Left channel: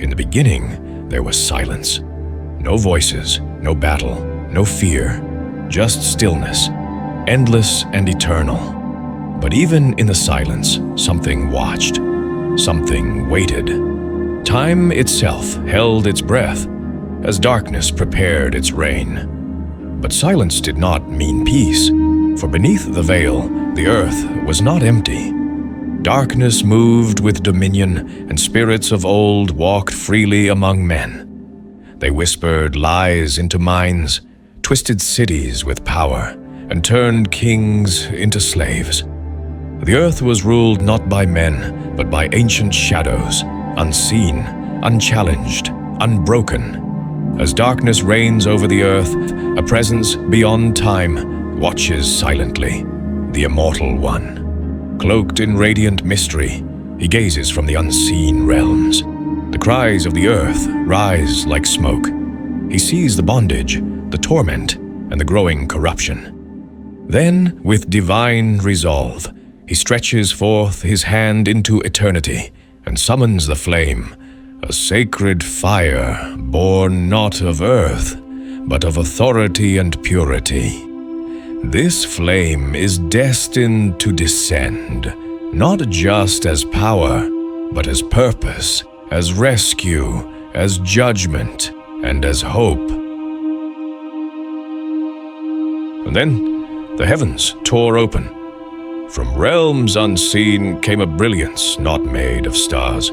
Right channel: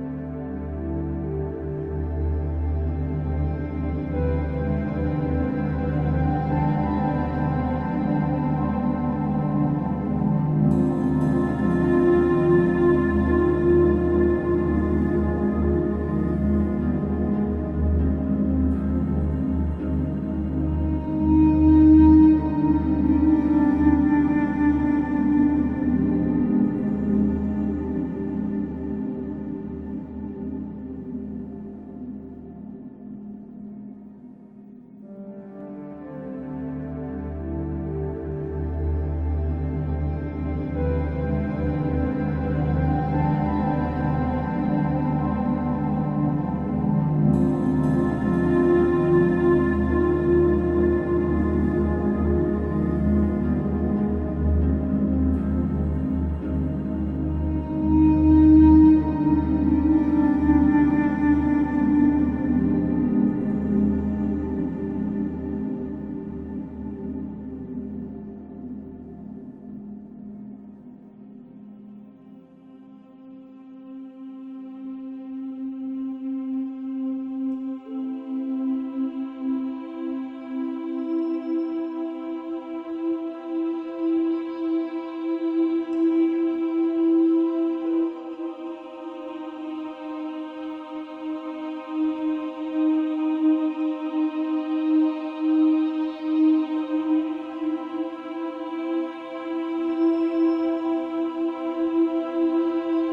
In the beginning, there was silence. No voices, no battle, no fear, just stillness, endless and eternal. But even in the silence, something watched, something waited. Time itself held its breath as darkness prepared its reign. But silence did not mean peace, for beneath the veil, the earth was not empty. Darkness moved with dominion, and spirits of old walked freely among men. They whispered lies into minds, twisted cities with power, and turned kings into slaves. The earth was ruled not by men, but by ancient shadows, unseen, unchallenged, unbroken. As darkness reigns over the earth, a presence beyond time watches silently, the Immortal One. Cloaked in radiant mystery, he gazes from the unseen realms. The cries of the earth rise like smoke. He sees the bondage, the torment, and the growing corruption. Then, with divine resolve, he stretches forth his hand into eternity and summons the flame, a sacred fire born not of earth, but of authority and purity. This flame is destined to descend, not just as power, but as purpose, as rescue, as judgment, and as hope. And then the heavens tore open. From realms unseen came a brilliance not made of stars,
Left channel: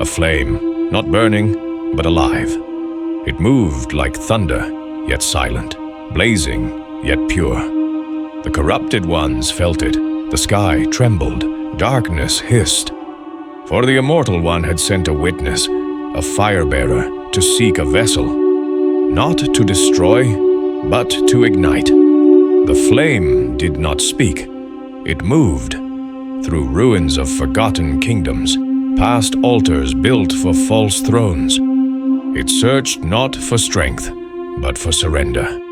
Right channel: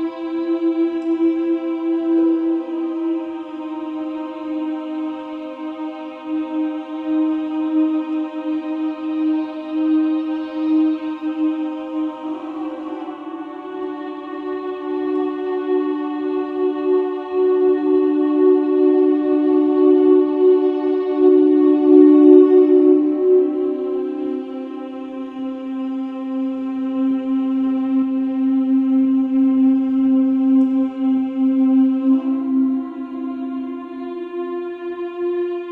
a flame, not burning, but alive. It moved like thunder, yet silent, blazing, yet pure. The corrupted ones felt it, the sky trembled, darkness hissed. For the Immortal One had sent a witness, a fire-bearer, to seek a vessel, not to destroy, but to ignite. The flame did not speak, it moved, through ruins of forgotten kingdoms, past altars built for false thrones. It searched not for strength, but for surrender.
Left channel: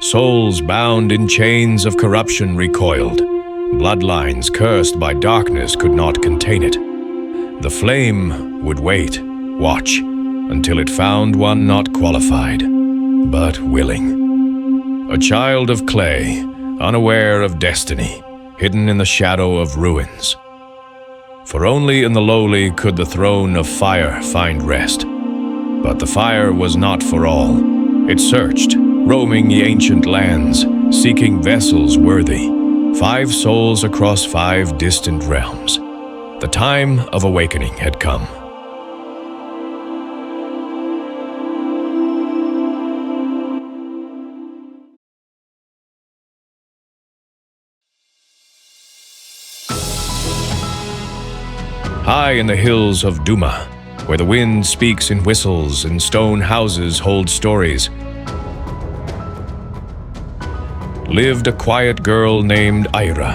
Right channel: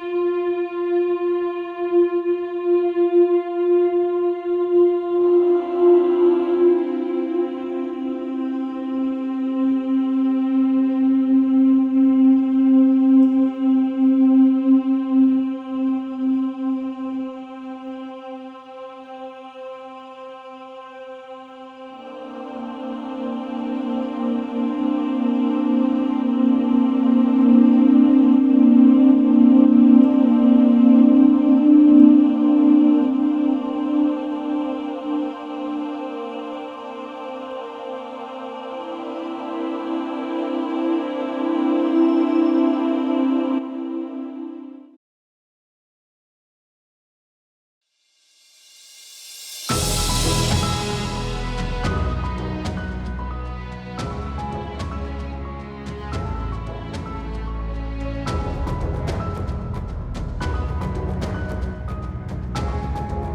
Souls bound in chains of corruption recoiled. Bloodlines cursed by darkness could not contain it. The flame would wait, watch, until it found one not qualified, but willing. A child of clay, unaware of destiny, hidden in the shadow of ruins. For only in the lowly could the throne of fire find rest. But the fire was not for all. It searched, roaming the ancient lands, seeking vessels worthy, 5 souls across 5 distant realms. The time of awakening had come. High in the hills of Duma, where the wind speaks in whistles and stone houses hold stories, lived a quiet girl named Ira.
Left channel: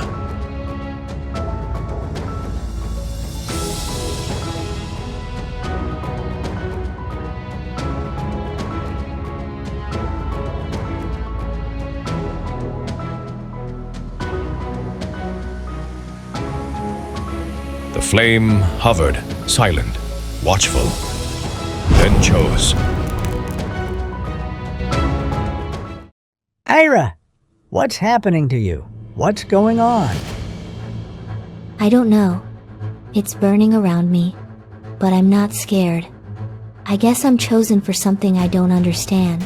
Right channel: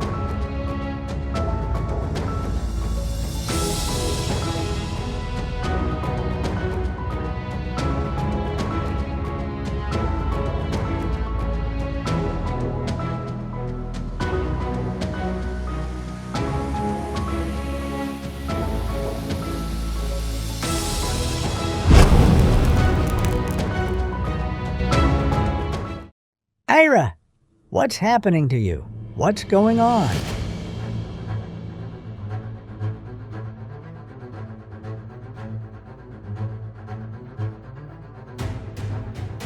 The flame hovered, silent, watchful, then chose. Ira! What's happening to you? What's going on? I don't know. It's burning around me, but I'm not scared. I guess I'm chosen for something I don't understand.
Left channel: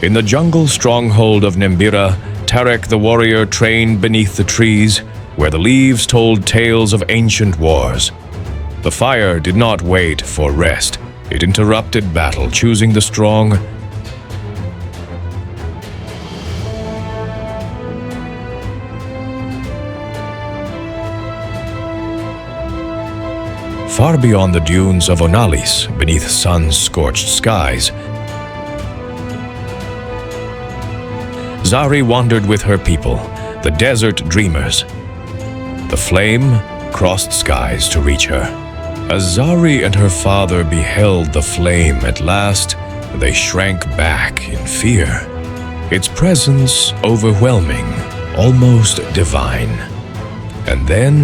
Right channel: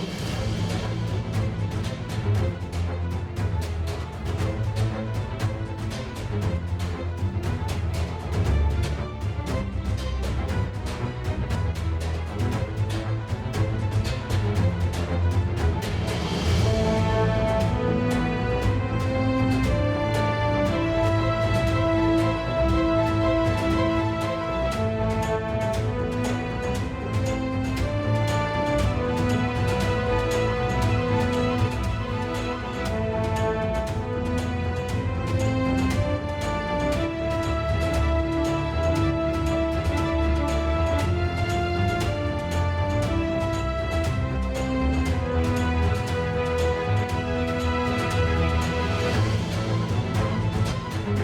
In the jungle stronghold of Nimbira, Tarek the warrior trained beneath the trees, where the leaves told tales of ancient wars. The fire did not wait for rest. It interrupted battle, choosing the strong. Far beyond the dunes of Onalis, beneath sun-scorched skies, Zari wandered with her people, the desert dreamers. The flame crossed skies to reach her. As Zari and her father beheld the flame at last, they shrank back in fear. Its presence overwhelming, almost divine. And then,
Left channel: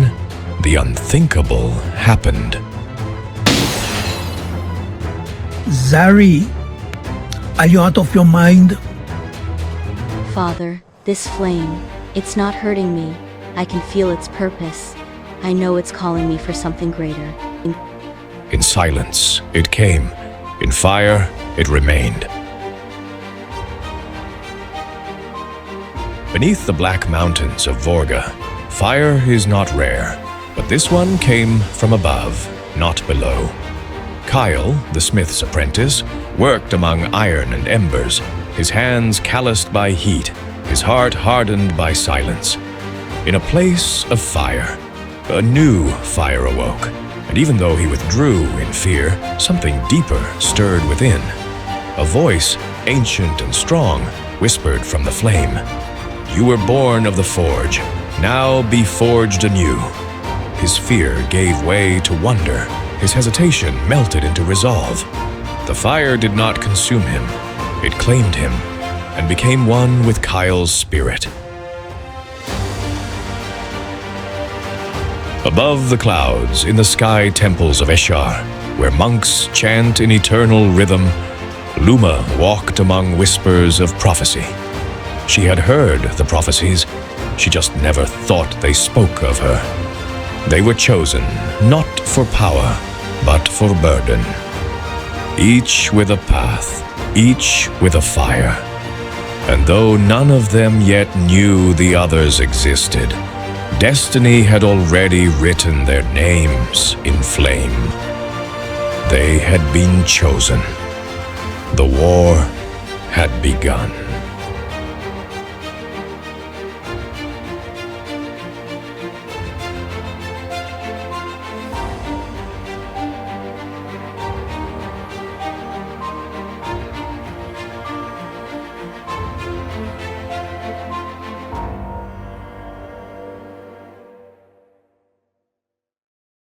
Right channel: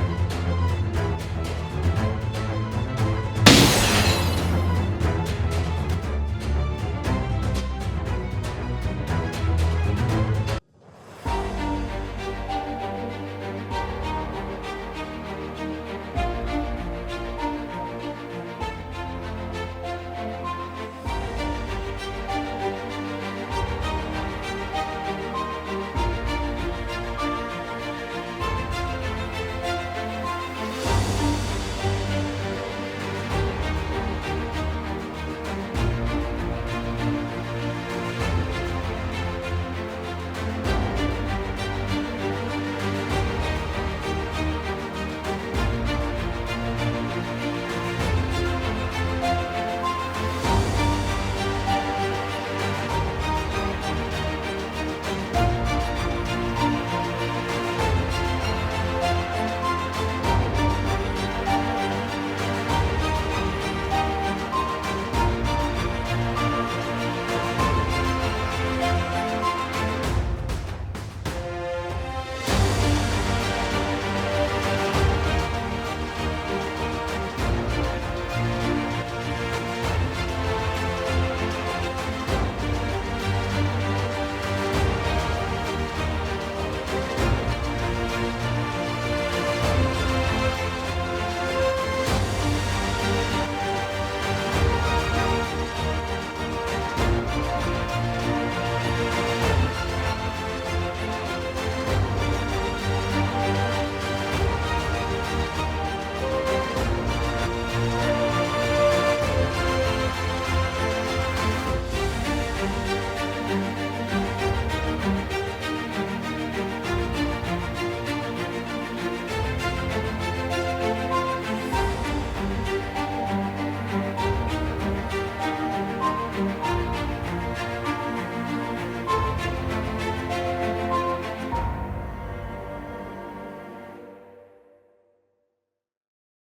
the unthinkable happened. Zari, are you out of your mind? Father, this flame, it's not hurting me. I can feel its purpose. I know it's calling me for something greater. In silence, it came. In fire, it remained. Beneath the black mountains of Vorga, fire is not rare, but this one came from above, not below. Kyle, the smith's apprentice, worked among iron and embers, his hands calloused by heat, his heart hardened by silence. In a place of fire, a new fire awoke, and even though he withdrew in fear, something deeper stirred within. A voice, ancient and strong, whispered from the flame, "You were born of the forge, now be forged anew." His fear gave way to wonder. His hesitation melted into resolve. The fire did not consume him. It claimed him and became one with Kyle's spirit. Above the clouds, in the sky temples of Eshar, where monks chant in eternal rhythm, Luma walked among whispers of prophecy. She had heard the prophecies, she just never thought they spoke of her. They were chosen, not for power, but for burden. Each with a path, each with a fire. And though none of them yet knew the others existed, destiny had already written their names in flame. They had been chosen. The war had begun.